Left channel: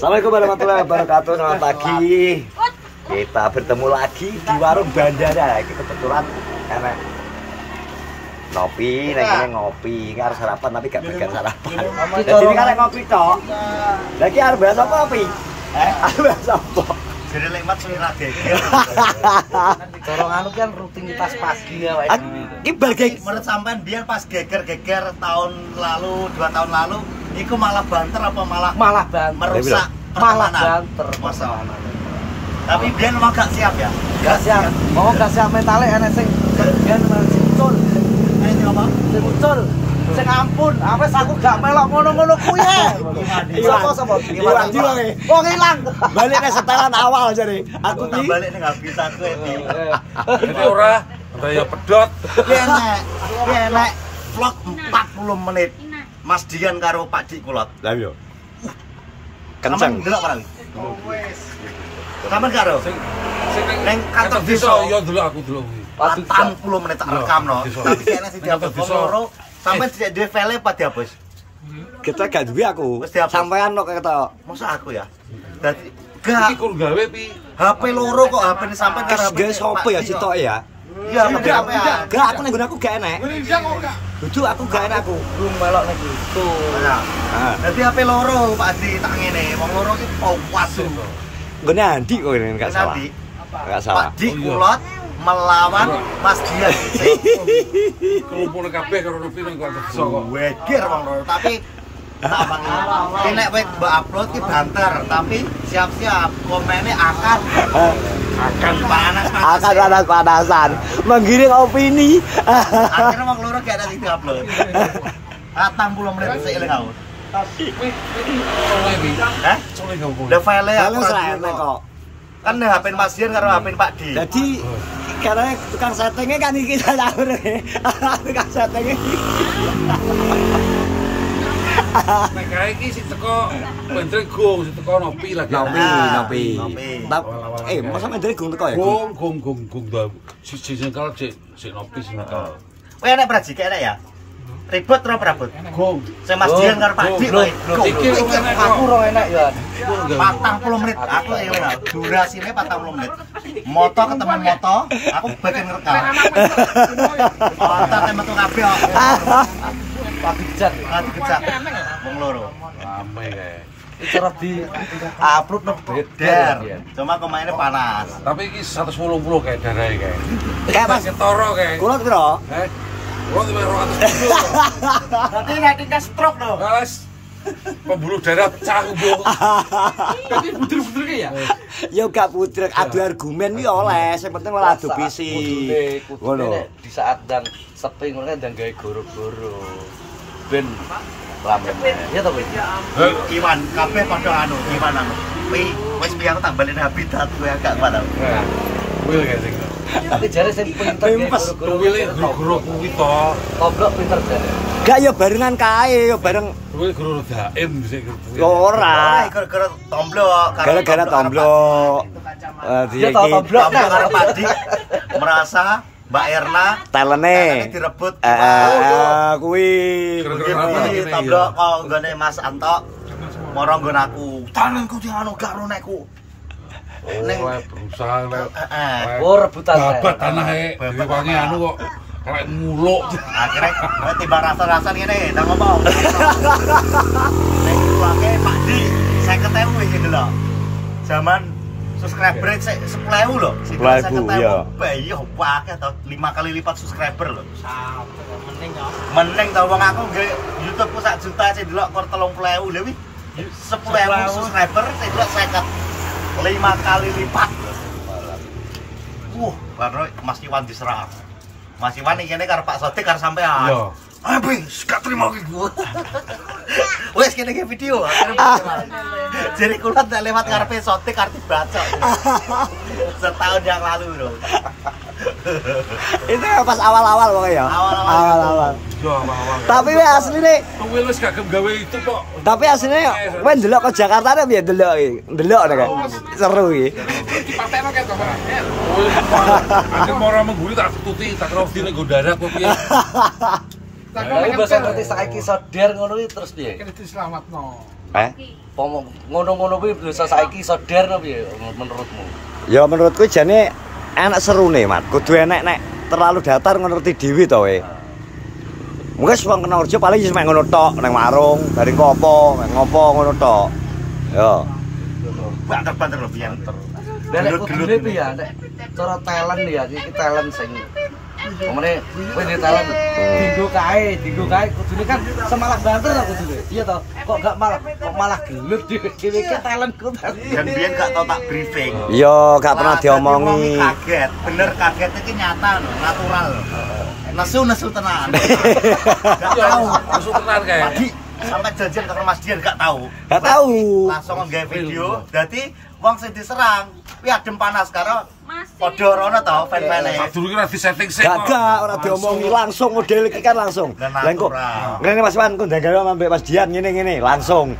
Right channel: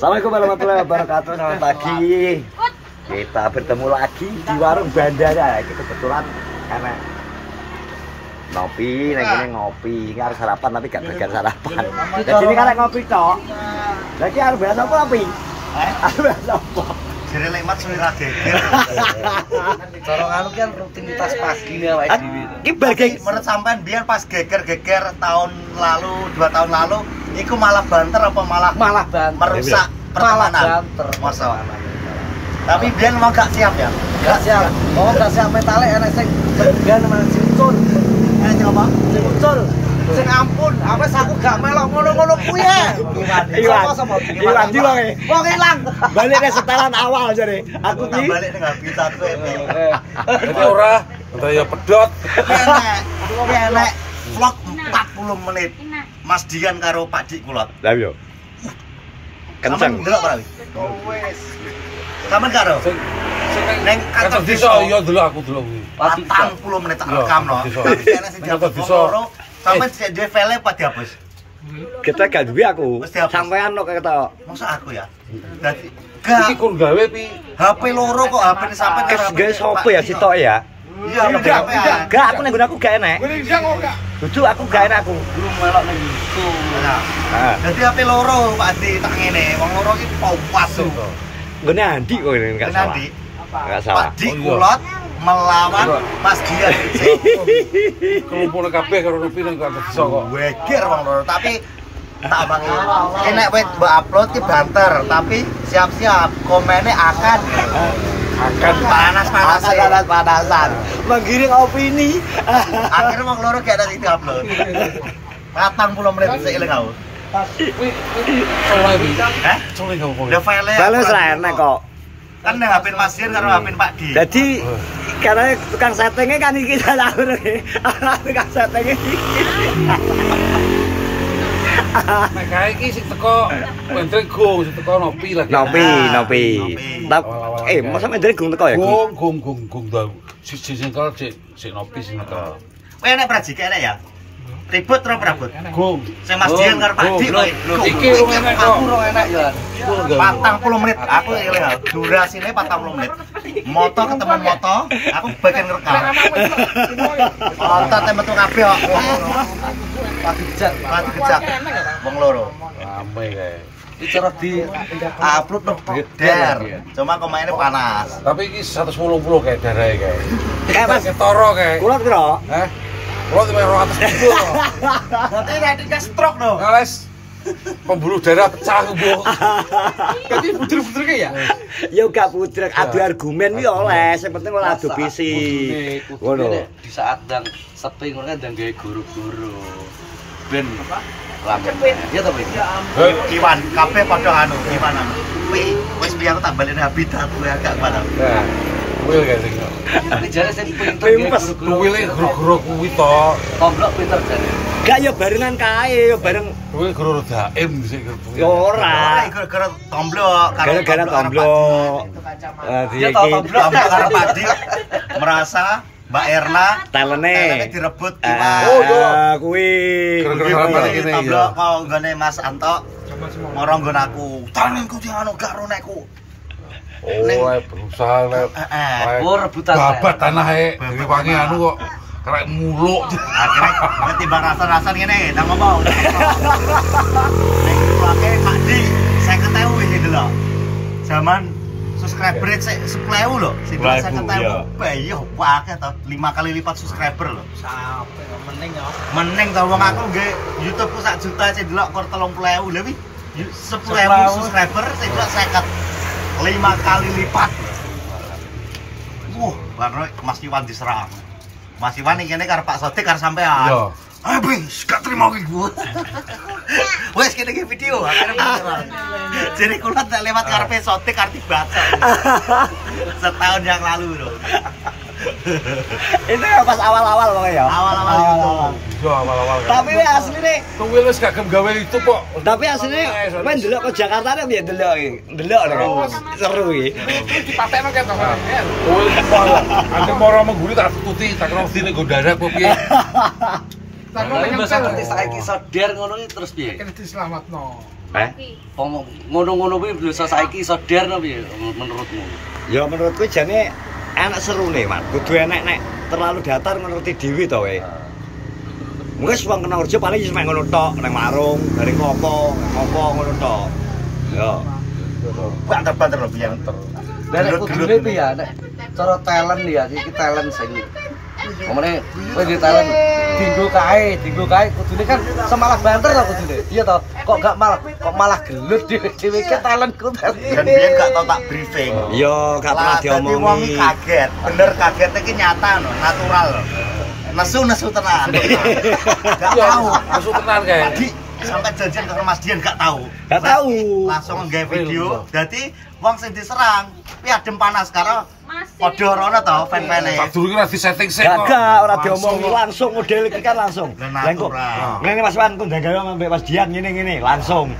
Assalamualaikum warahmatullahi wabarakatuh. Selamat pagi. Kita bertemu lagi di warung bandara. Ini kebetulan enak ngopi, nek kene ngopi. Ini harus sarapan tapi gak bagian sarapan. Jadi ini kan ngopi tok. Lagi harus bahas apa ngopi? Harus bahas apa? Jere lemat suwe ra geger. Corong anu kan rutinitas pagi ya awake dhewe. Iki bagian Menurut sampean biyen pas geger-geger tahun lalu, 2 tahun lalu, iku malah banter apa malah banter. merusak Malah pertemanan? banter. Masa. Tapi biyen memang gak siap ya. Gak siap. Oh, gak siap metale enek sing segan malah sing ucul. Apa? Sing ucul. Sing ampun, apa aku gak melok ngono-ngono kuwi ya. Iwan di wong e. Wong ilang. Balik nek setelan awal jare. Aku Tak ki balik ning habis satu Iki ora daya pedot. enek vlog 40 menit. Mas Dian karo Pak Dik Kulot. Lah yo. Kenceng. Delok ora? Sampeyan karo? Neng kantor desa ya delok aku delok kuwi. 40 menit tak rekam no. Desa. Tapi ana sing dihapus Desa. loro. Sampeyan sik dhewe file apa dihapus? Kita gak duwe aku. Wis dihapus. Sampean kok ketok. Masa aku ya? Dadi Iki gak kur gawe pi. HP loro kok HP ini sampean Kes gawe sapa ya sitok ya? Iya, lebih HP ya. Gak aku ning aku gak enek. Dudu aku gak enek aku. Belum melok ning gitu. Heeh. Dadi HP loro Pak Adi tak ngene. Wong loro iki pas tuh. Ngene Andi kok ini gak salah. Nanti Gak salah. Pak Dik Kulot melawan Mas Dian. Kumpul kabeh karo nepi ning kantor desa kok. Weger wong loro tapi tak mangi. Ki nek wis mbok upload ki banter, tapi siap-siap komennya akan panas-panasan. Menggiring opini. Akhirnya wong loro gak ada sing diupload. 40 menit sik eling aku. Ora iki. Hah? Sore gak kok. Udah file. Bales ra enek kok. Kan nek HP Mas Dian karo HP Pak Di. Jadi karena tukang settingnya kan iki salah urung. Tukang settingnya iki. Nek kae iki sing teko Pendreng Gong, sing teko Nopi lagi. Nopi. Masa mendere gung teko ya? Gong dah. Siji sing kal sik Nopi sing kal. Kowe enek prajike enek ya? Ribut terus prabut. Gong. Sing Mas Dian karo Pak Di kok. Iki wong enek kok. Aku rong enek ya. 40 menit. Aku eling aku. Durasine 40 menit. Moto ketemu moto, aku bagian ngerekam. Moto metu kabeh kok. Lagi bejat. Lagi kejak. Wong loro. Rame kae. Iki cara di Upload no der. Cuma komainnya panas. Tapi iki 180 kae darahe kae. Kayak Mas, Toro kae. kula piro? Heh. Kulo 200 kilo. Berarti kayak stroke dong. Ngales pembuluh darah pecah kubu. Tapi buder-buder ya. Ya gak budrek adu argumen iki oleh, sing penting ora adu visi. Ngono. Di saat dan sepi ngono kan dan gawe guru-guru. Ben rame. Ya to, Bang. Iwan, kabeh padha anu, Iwan anu. Wis piye aku tak balik habitat kowe agak mana. Ya. Kuwi kae sing. Tapi jare sing Pimpes. Kuwile guru-guru kuwi to. toblok pinter jare. Gak ya barengan kae, ya bareng Kuwi guru daim sik guru. ya ora. Gara-gara tomblok. Gara-gara tomblok. Dia tahu Iki tomblok. Tomblok karo Pak Dik merasa Mbak Erna talene. direbut Kuwi. Gara-gara apa ngene ya. tomblok kok nggone Mas Anto. Moro nggon aku. Tanganku diano gak ronekku. Oh, berusaha Oh, rebutan. babat tanahe wangi anu kok karek muluk. Akhirnya timbang rasa-rasa ngene, tak ngomong. Nek dipakai Pak Dik, 50.000 iki lho. Zaman subscriber sik 10.000 lho. Sing 50.000 bae yo akeh to, 5 kali lipat subscriber lho. Sampai meneng ya. Meneng to wong aku nggih YouTube ku 1 juta sing delok kur 30.000 lho wi. 10.000 subscriber sing delok 5 kali lipat lho. Baru Mas Iwan diserang. Mas Iwan iki kene karo Pak Sodik karo sampean. Yo. Habis gak terima iki gua. Wes kene iki video. Jadi kula tak lewat ngarepe Sodik arti baca. Setahun yang lalu loh. Itu ya pas awal-awal pokoknya ya. Awal-awal. Yo awal-awal. Tapi we asline, Kuwi wis gak gem gawe itu kok. tapi asline kowe ndelok ke Jakarta nek piye ndelok iki? Ndelok nek. Seru iki. Dipatekno ketok. Kuwi aku mau mengguri tak tututi tak karo dine go darat kok piye. Tapi bahasa ngerti saiki sodar ngono iki terus piye? Kene dislametno. Ngono-ngono kuwi bisa saiki iso der piye menurutmu? Ya menurutku jane enak serune, Man. Kudu enek nek terlalu datar ngerti dhewe to we. Mungkin wong kena kerja paling wis mek ngono tok nang warung, dari ngopo ngono tok. Ya. Banter-banter lho biyen. Nek kudune piye ya nek cara talent ya iki talent sing omene kowe di talent dinggo kae kudune kan semalah banter to kudune. Iya to, kok malah gelut dhewe ke talentku. Dan biyen gak tau tak briefing. Iya, gak pernah diomongi. Kaget. Bener kaget iki nyata lho, natural lho. Nesu tenan. Gak tahu. Nesu tenan kae. Padi sampai jajan ke Mas Dian gak tahu. Gak tahu. Langsung nggawe video. Dadi wong sing diserang, kuwi adem panas karo padha rono to fan-fane. Durung ora di-setting sik. Gak ora diomongi langsung model iki kan langsung. Lah kok ngene Mas Wan kok ndagawe ambek Mas Dian ngene langsung.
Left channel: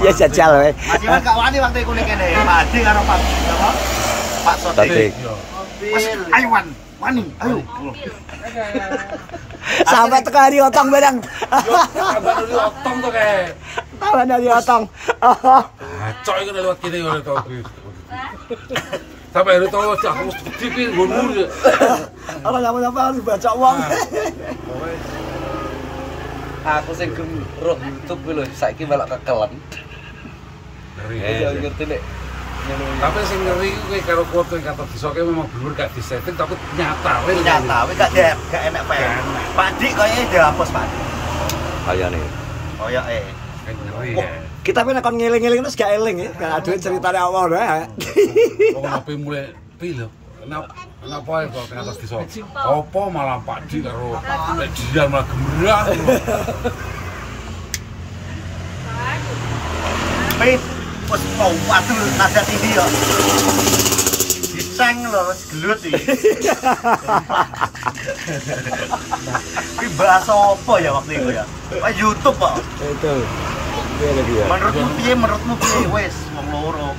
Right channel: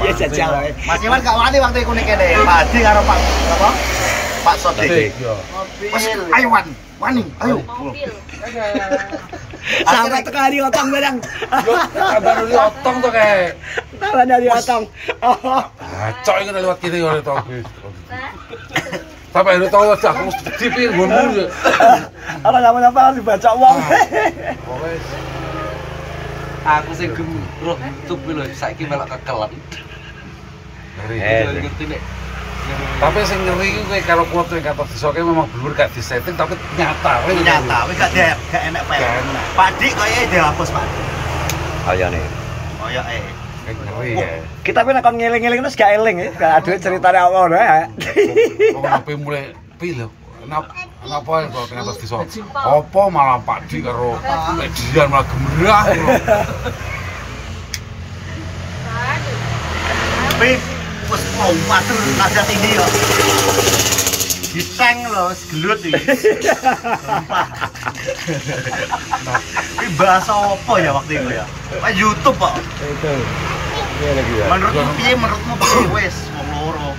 Ya jajal we. Mas Iwan gak wani waktu iku ning kene. Pak Adi karo Pak Sodik. Wes ayo Wan. Wani, ayo. Sampai teko hari otong barang. Kabar dari otong to kae. Kabar dari otong. Cok iki lewat kene ora tau kuwi. Sampai hari tau aku dipir nggonmu. Ora ngapa-ngapa harus dibaca wong. Pokoke Aku sing roh tup lho saiki melok kekelon. Ngerti nek. Tapi sing ngeri ku kowe karo klub sing kata disoke memang blur gak disetting tapi nyata Kuwi gak enak file. Pak Dik kaya dihapus Pak Dik. Kayane. Koyoke. ngeri. Kita tapi nek kon ngeling-eling terus gak eling ya. Gak aduh ceritane apa wae. Kok ngapain mulai pilo? Kenapa ya kok kenapa disok? Apa malah Pak Di karo Dian malah gemerah. Pip, wis mau waduh ngadat ini yo. Diteng lho, gelut iki. Iki bahasa apa ya waktu itu ya? Pak YouTube kok. Itu. Iya lagi ya. Menurutmu piye wis wong loro.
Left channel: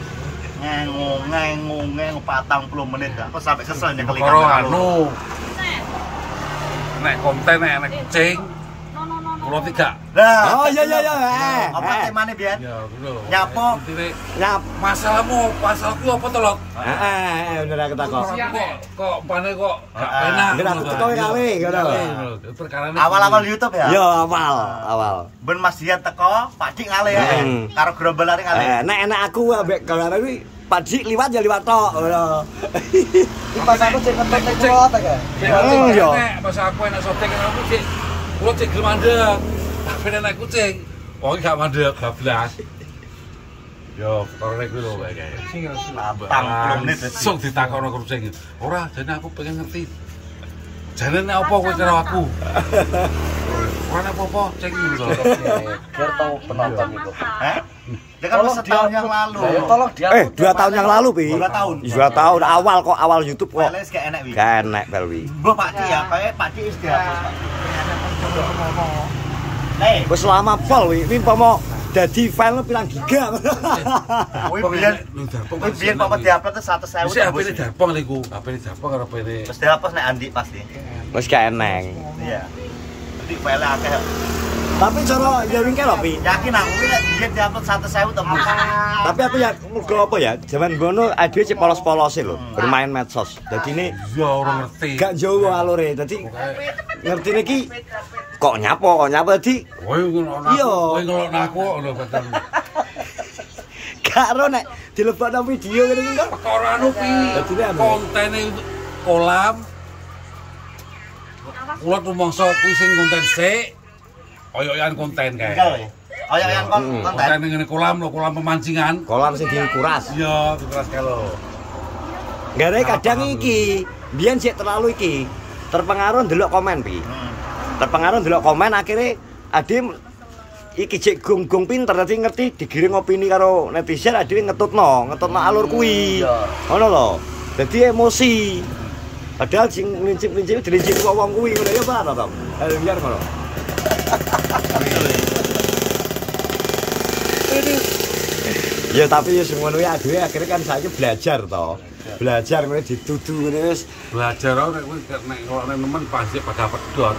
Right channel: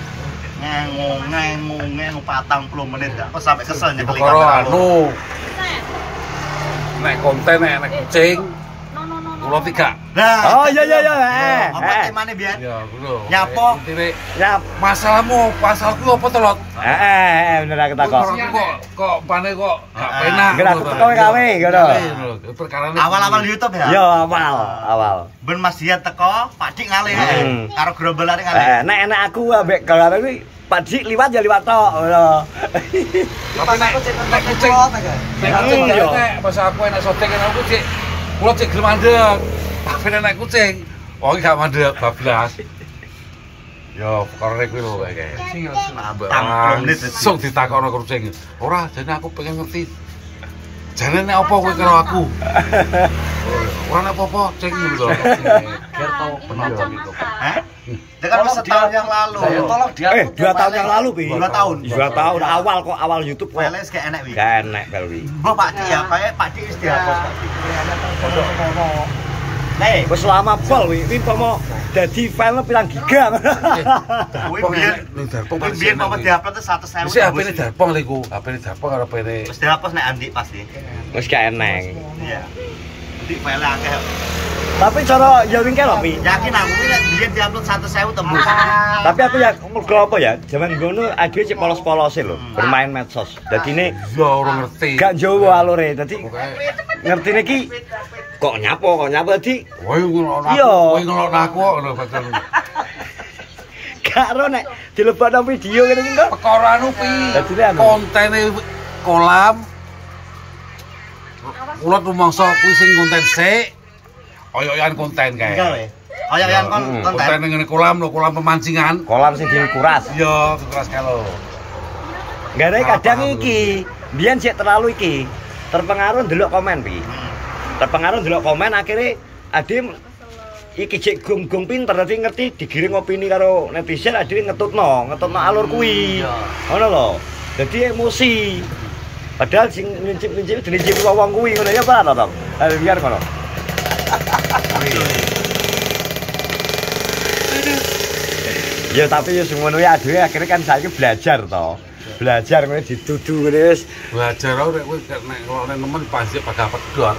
Ngeng 40 menit dah. Kok sampai kesel nyekeli Karo kamera. anu. Nek konten nek kucing. Kulo tiga. Nah. Oh iya. Apa temane biar? Ya, kulo. Nyapo. Nyap. Masalahmu, pasalku apa to, Lot? Bener aku takok. Kok pane kok gak penak. Enggak aku teko gawe ngono. Perkarane Awal-awal YouTube ya? Yo awal. Ben Mas Dian teko, Pak Dik ngalih. Karo gerombolane ngalih. Nek enak aku ambek kalau kuwi Pak Dik liwat ya liwat tok ngono. Pas aku cek kontak kucing apa ga? Nek kucing nek pas aku enak sotek aku cek kulo cek gelem mandek. Tapi nek kucing, wong gak mandek bablas. Yo, perkara kuwi lho kae. Langsung ditakokno kucing. Ora, jane aku pengen ngerti. Jane nek apa kowe karo aku? Ora apa-apa, cek iki lho. Biar tahu penonton itu. Hah? Dia kan setahun yang lalu. Tolong dia. 2 tahun yang lalu, Pi. 2 tahun. 2 tahun awal YouTube kok. Wales gak enak wi. Gak enak Belwi. Mbah Pak Dik ya, kayak Pak Dik wis dihapus Pak Dik. Nih, Wis lama pol wi. Ini pomo dadi file pirang giga. Darpong biyen darpong biyen kok dihapus tuh 100.000. Mesti HP-ne darpong lho iku. HP-ne darpong karo HP-ne. Wis dihapus nek Andi pasti. Wis gak eneng. Iya. Jadi file akeh. Tapi cara ya wingke lho, Pi. Yakin aku ini biyen diupload 100.000 tembus. Tapi aku ya mergo apa ya? Zaman ngono ade cek polos-polose lho, bermain medsos. Dadine Ya ora ngerti. gak jowo alure. Dadi Pokoke ngertine iki kok nyapo dadi kowe ngono aku. Iya. Kowe ngono aku kok lho betul. gak ro nek dilebokno video ngene iki kok. Perkara anu pi. Dadine anu. Kontene kolam. Kula rumangsa kuwi sing konten sik. Oyokan konten kae. Enggak we. Kayak yang konten. Konten ngene kolam lho, kolam pemancingan. Kolam sing dikuras. Iya, dikuras kalau. Gare kadang iki, biyen sik terlalu iki. Terpengaruh ndelok komen, Pi. Terpengaruh ndelok komen akhirnya ade iki cek gong-gong pinter dadi ngerti digiring opini karo netizen ade ngetutno alur kuwi. Ngono lho. Dadi emosi. Padahal sing lincip-lincip dilincip wong kuwi ngono ya Pak, to. Biar ngono. Ya tapi ya semono ya dhewe akhirnya kan saiki belajar to. Belajar ngene ditudu ngene wis Belajar ora kowe nek nemen pasti bakal pedot.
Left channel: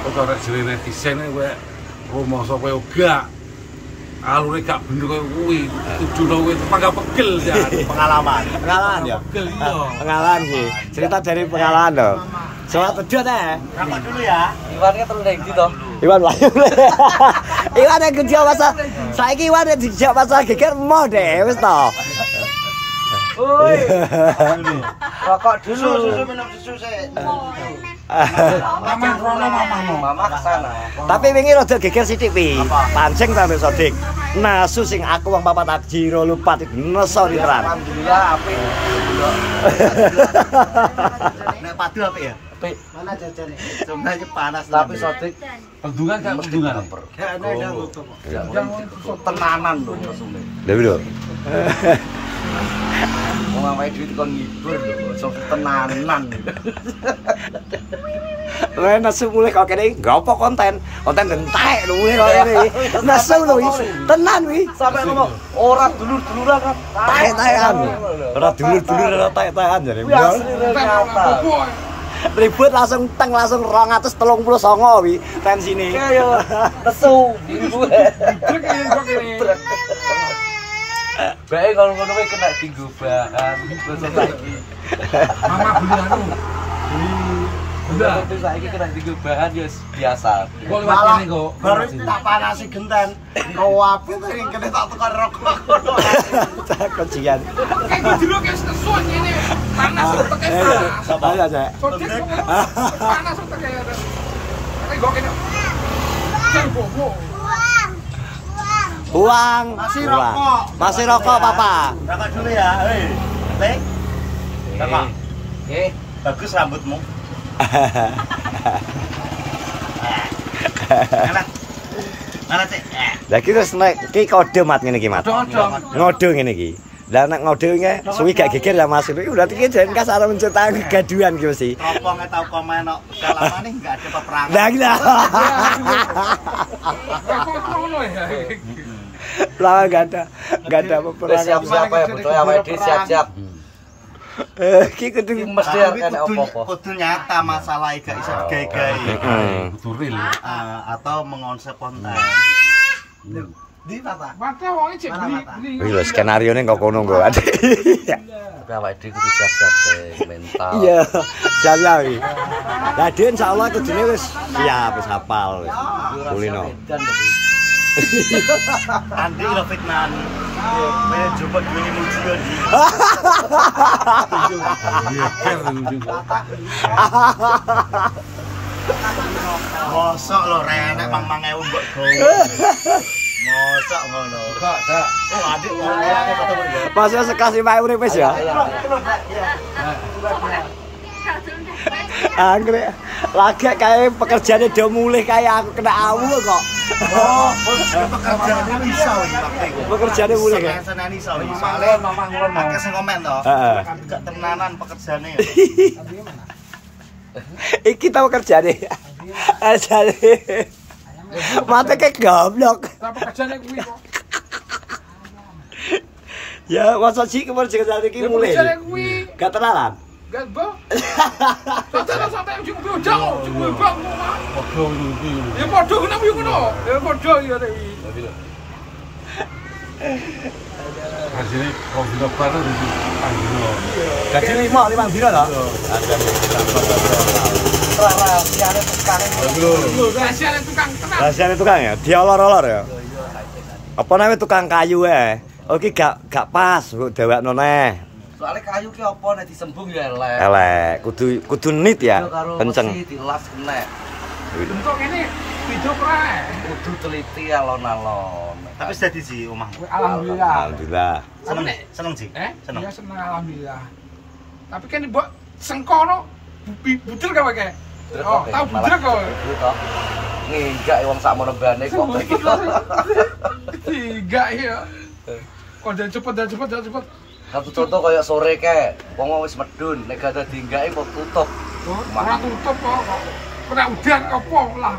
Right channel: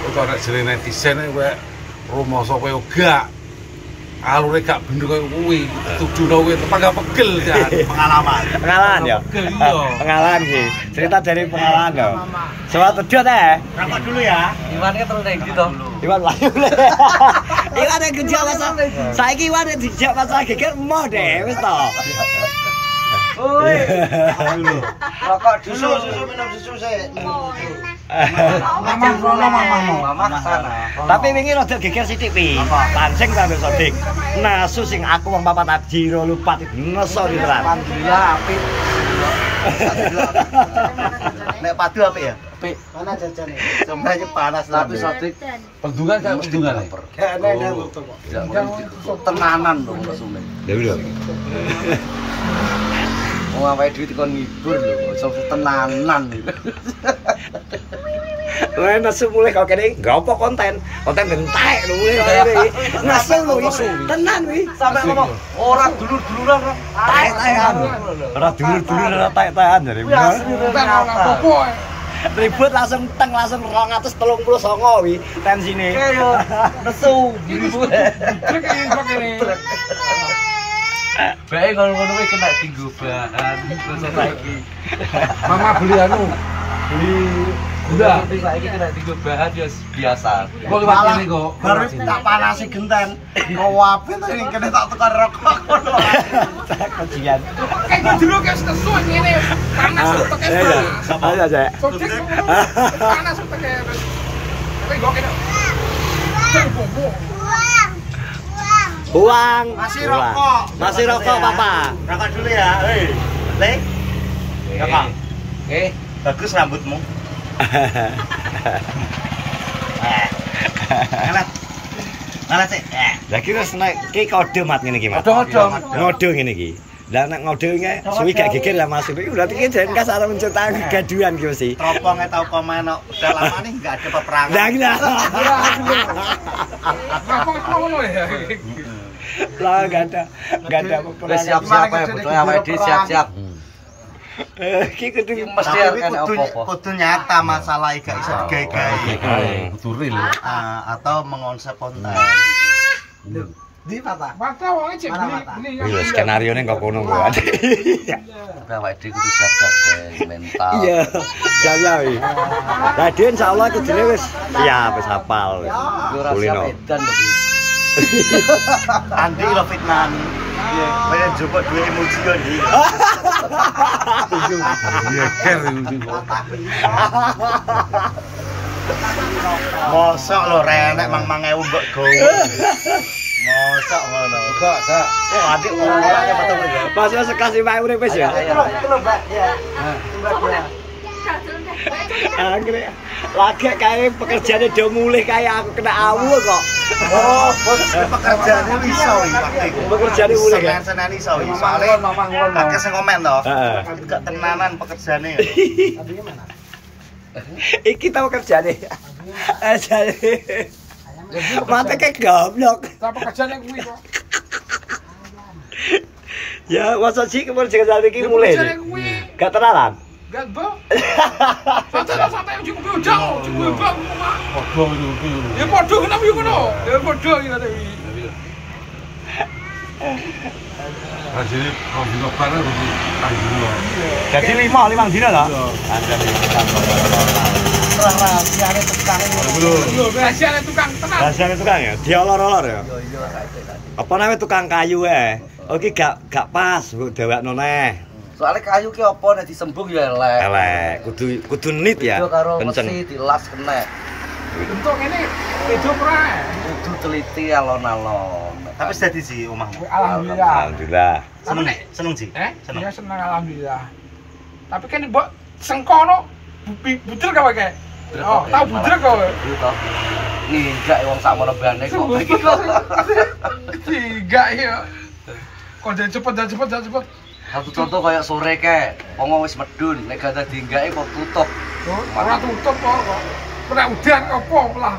Kowe kok nek jere netizen kowe Rumoso kowe gak. Alure gak bener koyo kuwi. Tujuno kowe tepak gak pegel jan. Pengalaman. Pengalaman ya. Pegel iya. Pengalaman sih. Cerita dari pengalaman loh. Suatu dia teh. Rokok dulu ya. Iwannya terus neng gitu. Iwan Wahyu. Iwan yang kerja masa. Saiki Iwan yang dijak masa geger mau deh wis to. Oi. Rokok dulu. Susu minum susu sih. Mamang rono mamang no. Mama sana. Tapi wingi rada geger sithik pi. Pancing ta wis Sodik. Nasu sing aku wong papat ajiro lupa neso diteran. Alhamdulillah apik. Nek padu apa ya? Apik. Mana jajan? Sebenarnya panas Tapi Sodik Bendungan gak bendungan. tenanan dong kesune. Lha lho. Wong awake dhewe dikon ngibur lho, sok tenanan. Lah nasu mulai kok kene gopo konten entek lho mulai kok kene. Nasu lho tenan wi. Sampai ngomong orang dulur-duluran kan. Taek-taekan. Ora dulur-dulur ora taek-taekan jare. Ribut langsung teng langsung 239 wi tensine. Kayak kesu. Bae ngono-ngono kuwi kena tinggu bahan. Terus saiki. Mama beli anu. Beli gula. Saiki kena tinggu bahan ya biasa. Kok liwat kene kok. Baru tak panasi genten. Rawape to sing kene tak tukar rokok ngono. Tak kejian. Kayak dulu kayak nesu ini panas untuk kayak Ya. panas. Ayo aja. Sodik panas untuk kayak. Tapi gua kena. Bobo. Buang. Masih Buang. rokok. Masih rokok, Papa. Rokok dulu ya. Hei. Nek. Rokok. Oke. Bagus rambutmu. Malah sih. Lah iki wis nek iki kode mat ngene iki, Mat. Ngode ngene iki. Lah nek ngode iki suwi gak geger ya Mas. Iki berarti iki jan kasar menciptakan kegaduhan iki mesti. Teropongnya tahu komen kok. Udah lama nih nggak ada peperangan. Lah iki lah. Apa ngono ya? Lah enggak ada peperangan. Siap-siap ya betul awake dhewe siap-siap. Iki kudu Iki mesti Tapi ana apa-apa. kudu nyata masalah gak iso digawe-gawe. Duril. Atau mengonsep konten. Di mata. Mata wong cek beli. Iki lho skenario-ne kok kono kok. Awake dhewe kudu siap-siap mental. Iya, siap-siap iki. Lah dhewe insyaallah kudune wis siap, wis hafal wis. Kulino. Dan Andi lo fitnan. Banyak jupuk dua emoji yo di. Nyeker iki kok. Mosok lo renek mang-mangewu mbok gowo. Mosok ngono. Enggak. Oh, adik orangnya betul ya. Masa sekelas 5 urip wis ya? Anggere lagi kayak pekerjaannya udah mulai kayak aku kena awu kok. Oh, pekerjaannya iso iki pakai iku. Pekerjaannya mulai kan. Senani iso iki. Soale akeh sing komen to. Heeh. Gak tenanan pekerjaane. Iki tau kerjaane. Ajane. Mate kayak goblok. Apa kerjane kuwi kok? Ya, masa sih kemerdekaan iki mulai. Kerjane kuwi. Gak tenanan. Gak bo. Sampai ujung jauh. Padha iki. Ya padha kenapa yo ngono? Ya padha ya iki. Rasane dino bareng iki anggino. Jadi 5 dina lho. Ajane kantor nasional. Lho, rahasiane tukang tenang. Rasane tukang ya, diolor-olor ya. Iya saiki. Apa namanya tukang kayu Oke gak pas mbok dewekno neh. Soale kayu ki apa nek disembung ya elek. Elek, kudu nit ya. Karo Kenceng. mesti dilas kenek. Untuk ini hidup ra. Kudu teliti alon-alon. Tapi dadi sih omah. Alhamdulillah. Alhamdulillah. Seneng, seneng sih. Seneng. Ya seneng alhamdulillah. Tapi kan mbok sengkono budel gak pakai. Oh, tahu budel kok. Nginjak wong sak monebane kok. Tiga ya. Kok dan cepet. Satu contoh kayak sore ke, wong wis medun, nek gak ada dinggake kok tutup. Ora tutup kok. Ora udan apa lah.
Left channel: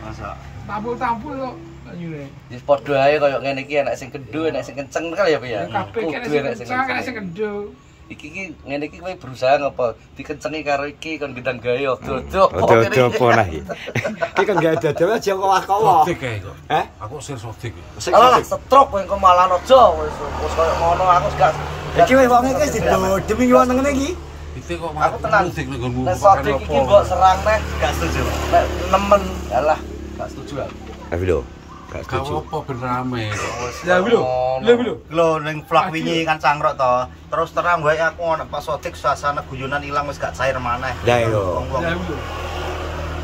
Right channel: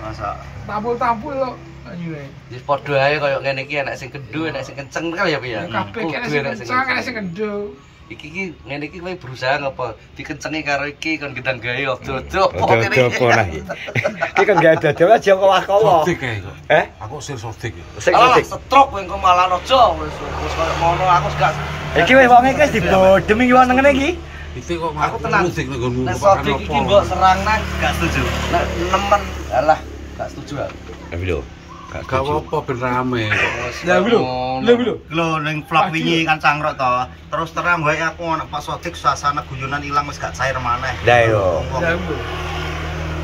Masa Tampul-tampul kok. Ayo. Wis padha ae koyo ngene iki enek sing kendho, enek sing kenceng kan ya, Pak ya. Kabeh kene sing kencang, kene sing kendho. iki ngene iki kowe berusaha ngapa dikencengi karo iki kon gendang gayo dodok. Dodok apa nah iki. Iki kan gak dodok aja kowa-kowa. Sotik kae kok. Aku sir sotik. Sing sotik. Stroke kowe engko malah aja wis koyo ngono aku gak. Iki wis wong iki dibodhem iki wong ngene iki. Itu kok malah musik nek nggonmu pakan opo. Iki mbok serang nang gak setuju. Nek nemen alah gak setuju aku. Tapi lho, gak setuju. Apa ben rame. Ya lho ning vlog wingi kan cangkruk to. Terus terang wae aku ana pas sotik suasana guyonan ilang wis gak cair maneh. Lah lho.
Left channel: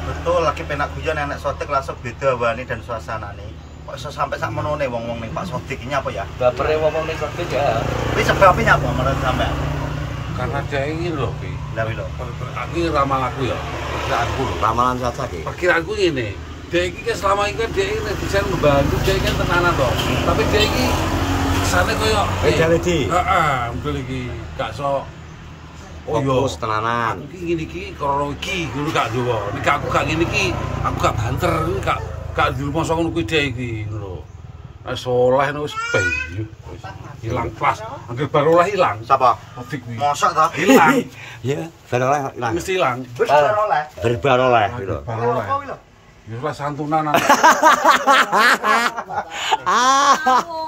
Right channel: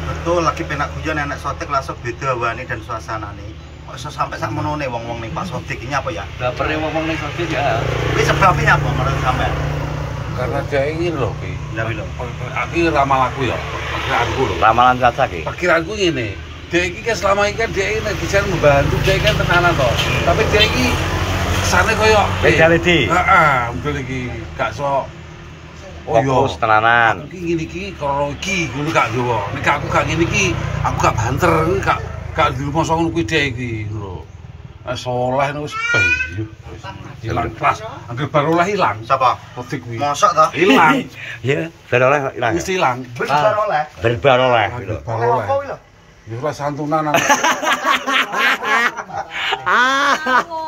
Betul lagi penak guyon enek sotik langsung beda wane dan suasanane. Kok iso sampe sak menone wong-wong ning Pak Sotik iki apa ya? Dapure wong ning Sotik ya. Iki sebabnya apa menurut sampean? Karena dia ini lho ki. Lah lho. Aku ramalanku ya, perkiraanku lho. Ramalan Caca ki. Perkiraanku ngene. Dia iki kan selama ini kan dia ini bisa membantu, dia kan tenanan toh. Tapi dia iki kesane koyo Medaledi. Heeh, mungkin iki gak sok Fokus tenanan. Iki ngene iki karo iki ngono gak Jawa. Nek aku gak ngene iki, aku gak banter, gak dirumasa ngono kuwi dhek iki lho. Soleh wis bayi. Hilang kelas. Angger baru oleh hilang. Siapa? Sotik kuwi. Mosok to? Hilang. Ya, baru oleh ilang. Wis hilang. Besar oleh. Berbar oleh gitu. Oleh apa kuwi lho? Ya lah santunan.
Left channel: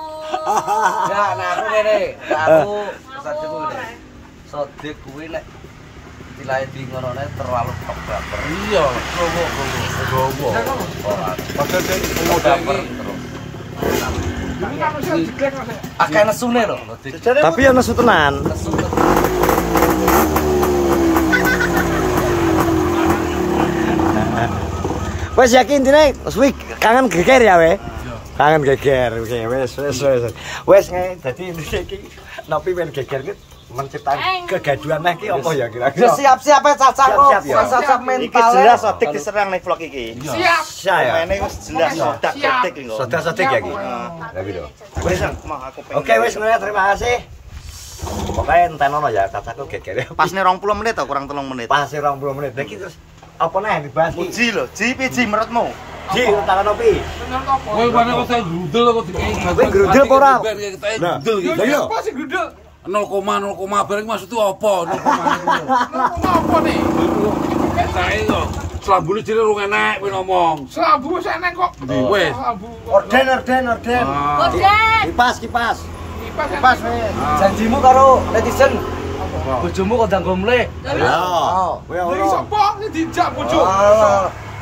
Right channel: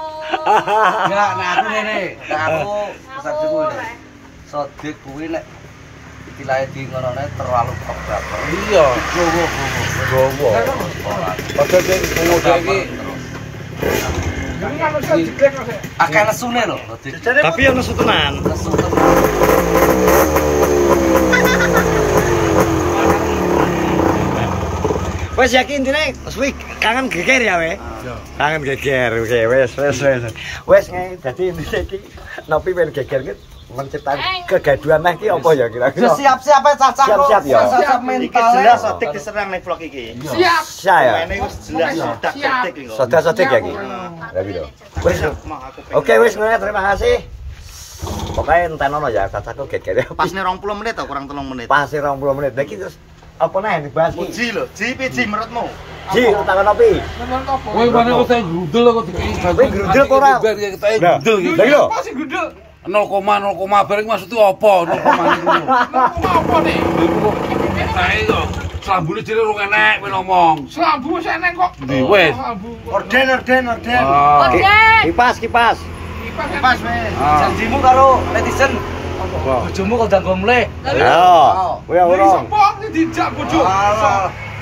Enggak, nek aku ngene. Aku pesanku ngene. Sodik kuwi nek istilahe di ngorone terlalu baper. Iya, gowo. Padahal sing Udah terus. Akeh nesune lho. Tapi ya nesu tenan. Nesu tenan. Wes yakin intine suwi kangen geger ya we. Kangen geger, oke wes. Wes dadi intine iki nopi ben geger ki menciptakan kegaduhan nah ki apa ya kira-kira. Siap-siap ya Caca kok. Siap-siap ya. Siap Iki mental. jelas sotik diserang ning vlog iki. Siap. Saya. Ini wis jelas sodak sotik iki. Sodak-sodik ya ki. Lah lho. Wes. Oke wes ngene terima kasih. Pokoknya entenono ya Cacaku geger. Pas nih 20 menit atau kurang 3 menit. Pas 20 menit. Iki terus apa nih dibahas ki? Ji lho, ji piji menurutmu? Ji, takon opi. Menurut apa? Kowe mana kok tak grudel kok dikei. Kowe grudel kok ora? Lah, Grudel gitu. lha iya. Apa sih gudel? 0,0 bareng maksudnya apa? 0,0 gitu. Apa nih? Saya kok selambune jere rung enek kowe ngomong. Selambu wis enek kok. Wes. Orden. Kipas. Kipas wes. Janjimu karo netizen. Bojomu kok ndang gomle. Ayo. Kowe Iki ora. sapa? Iki dijak bojo.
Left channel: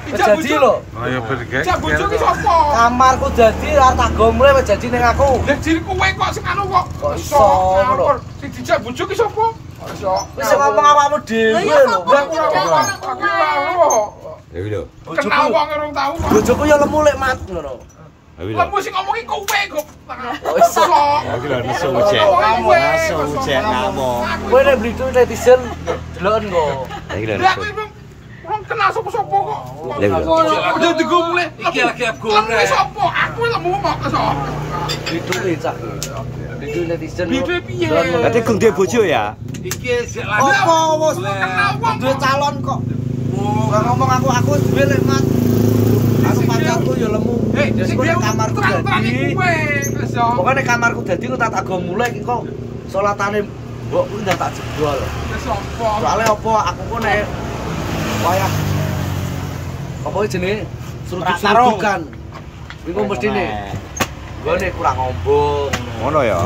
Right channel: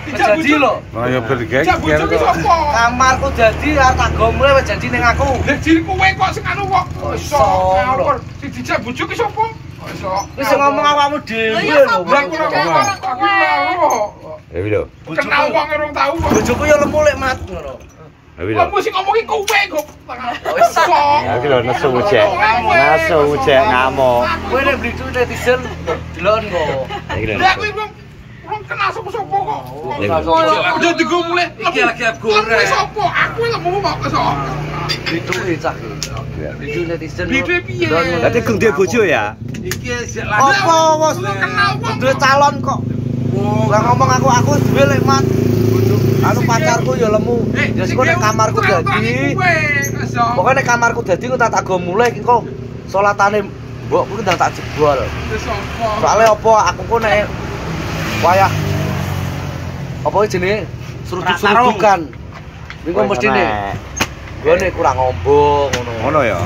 Dijak Jadi bojo lho. Ya bergeng. Dijak bojo ki sapa? Kamarku dadi arep tak gomle wis janji ning aku. Lah jiri kowe kok sing anu kok. Iso Iso, ngawur. Sing dijak bojo ki sapa? Iso. Wis ngomong awakmu dhewe lho. Ya lho. Kenal wong urung tau kok. Bojoku ya lemu lek mat ngono. Ya lho. Kamu sing ngomongi kowe kok. Iso. Ya iki lho nesu cek. Nesu cek ngamuk. Kowe nek blitu netizen deloken kok. Ya iki lho Lah nesu. kowe kenal sapa-sapa kok. Ya lho. Yo digomule. Iki lagi goreng. Sapa? Aku lemu kok iso. Blituke cah iki. Blitu netizen. Blitu piye? Dadi gung duwe bojo ya. Iki sik lagi. Apa wis Kenal wong. duwe calon kok. Lah ngomong aku wis duwe lek mat. Anu pacarku ya lemu. Wis kok nek kamarku dadi. Pokoke nek kamarku dadi kok tak go mulai iki kok salatane mbokku ndang tak jebol. Wis sapa? Soale apa aku kok nek wayah apa jenenge seruduk-serudukan. Iku mestine. Gone kurang ngombo ngono. Ngono ya.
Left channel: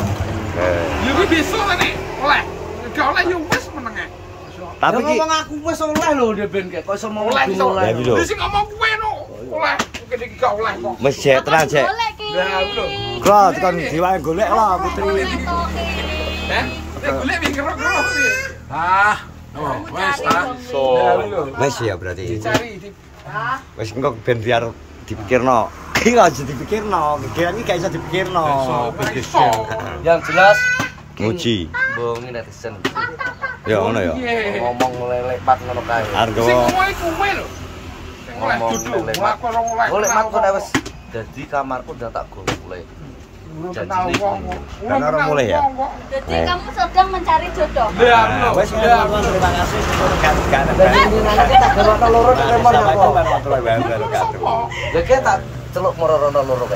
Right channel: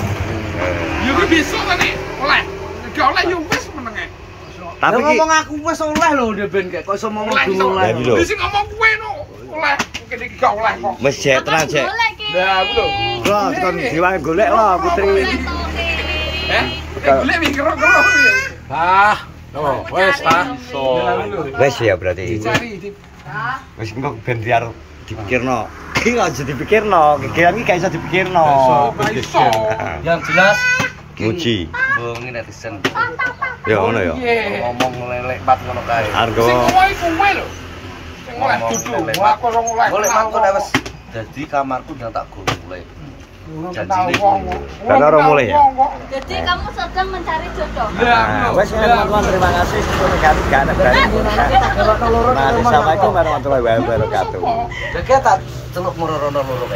Yo ki besok nek oleh. Nek gak oleh yo wis menenge. Tapi ki ngomong aku wis oleh lho Ben kok iso ngomong Oleh, dulu Ya, oleh. lho. Wis ngomong kowe no. Oleh. Mungkin iki gak oleh kok. wis jek tenan jek. Ya lho. Kok kon diwae golek lah Putri. Nek golek wis kero-kero piye? Ah, oh, wes ah. Wis ya berarti. Cari Wis engko ben biar dipikirno. Iki aja dipikirno, kegiatan iki gak iso dipikirno. iso. Yang jelas Muji. bongi netizen. Ya ngono ya. Ngomong lelek pat ngono kae. Arep Sing gowo ngomongi kowe lho. Sing oleh Ngomong duduk, lelek aku ora oleh. Golek mat kok nek wis dadi kamarku ndang tak golek. Janjine Karena orang mulai ya? Jadi kamu sedang mencari jodoh. Nah, wes ya teman-teman terima kasih sudah ganti ganti Assalamualaikum warahmatullahi wabarakatuh. Ya tak celuk morono loro.